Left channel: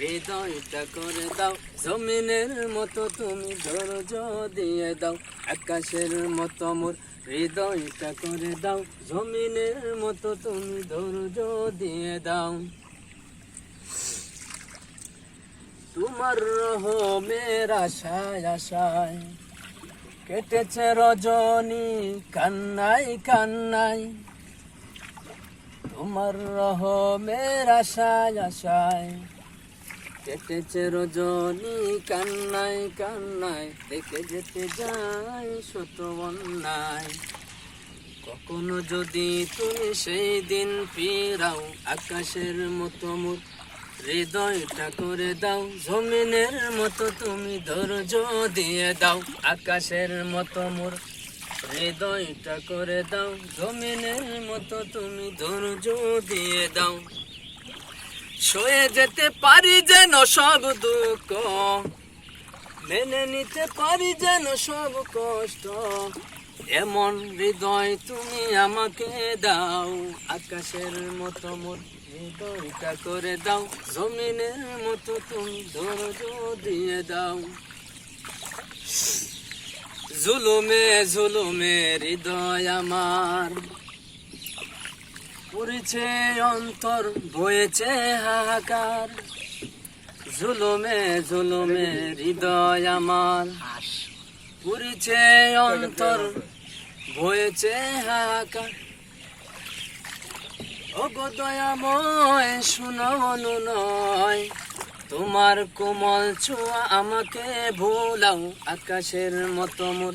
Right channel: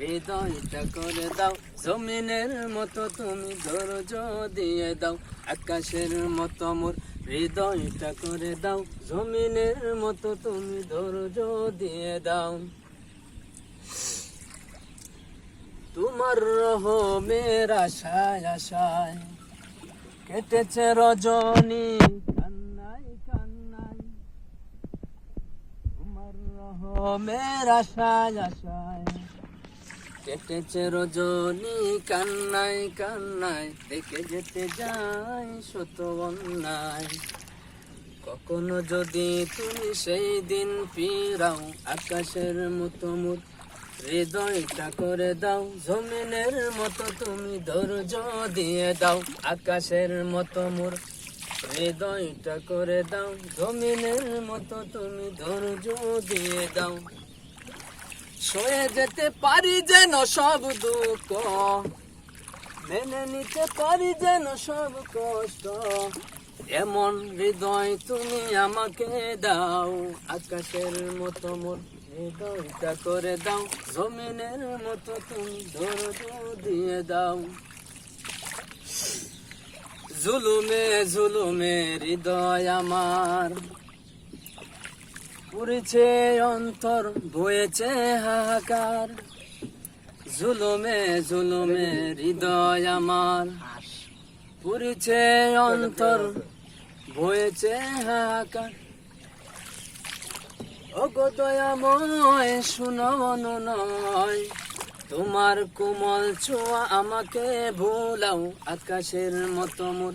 করে দাও। জমিনের মতো তুমি ধৈর্য দিয়ে দাও। আকাশের মতো মোর হৃদয়টা করে দাও। জমিনের মতো তুমি ধৈর্য দিয়ে দাও। তোমার রহমের আশায় আশায় কেটেছে রজনী কান্নাই কান্নাই তোমার রহমের আশায় আশায় কেটেছে রজনী কান্নাই কান্নাই দেখে যেতে যাই শত অন্যায়। কখনো যদি তুমি সেই দিন ফিরাও, আকাশের মতো মুখ, হৃদয়টা করে দাও, জমিনের মতো তুমি ধৈর্য দিয়ে দাও, আকাশের মতো মোর হৃদয়টা করে দাও, জমিনের মতো তুমি ধৈর্য দিয়ে দাও। সয়ে যেতে পারি যেন সব দুঃখ। মেনে নিতে পারি যেন সব কষ্ট। এমন হৃদয় তুমি আমাকে দাও, আকাশের মতো মোর হৃদয়টা করে দাও, জমিনের মতো তুমি ধৈর্য দিয়ে দাও। জুলুমে জুলুমে হৃদয় আমার। পুরেছে অন্তর, বয়েছে হাহাকার। জুলুমে জুলুমে হৃদয় আমার। পুরেছে অন্তর, বয়েছে হাহাকার। ওগো দয়াময় শুনানো নয় তোমার কোমল ছোঁয়া আমাকে ভোলাও, আকাশের মতো মোর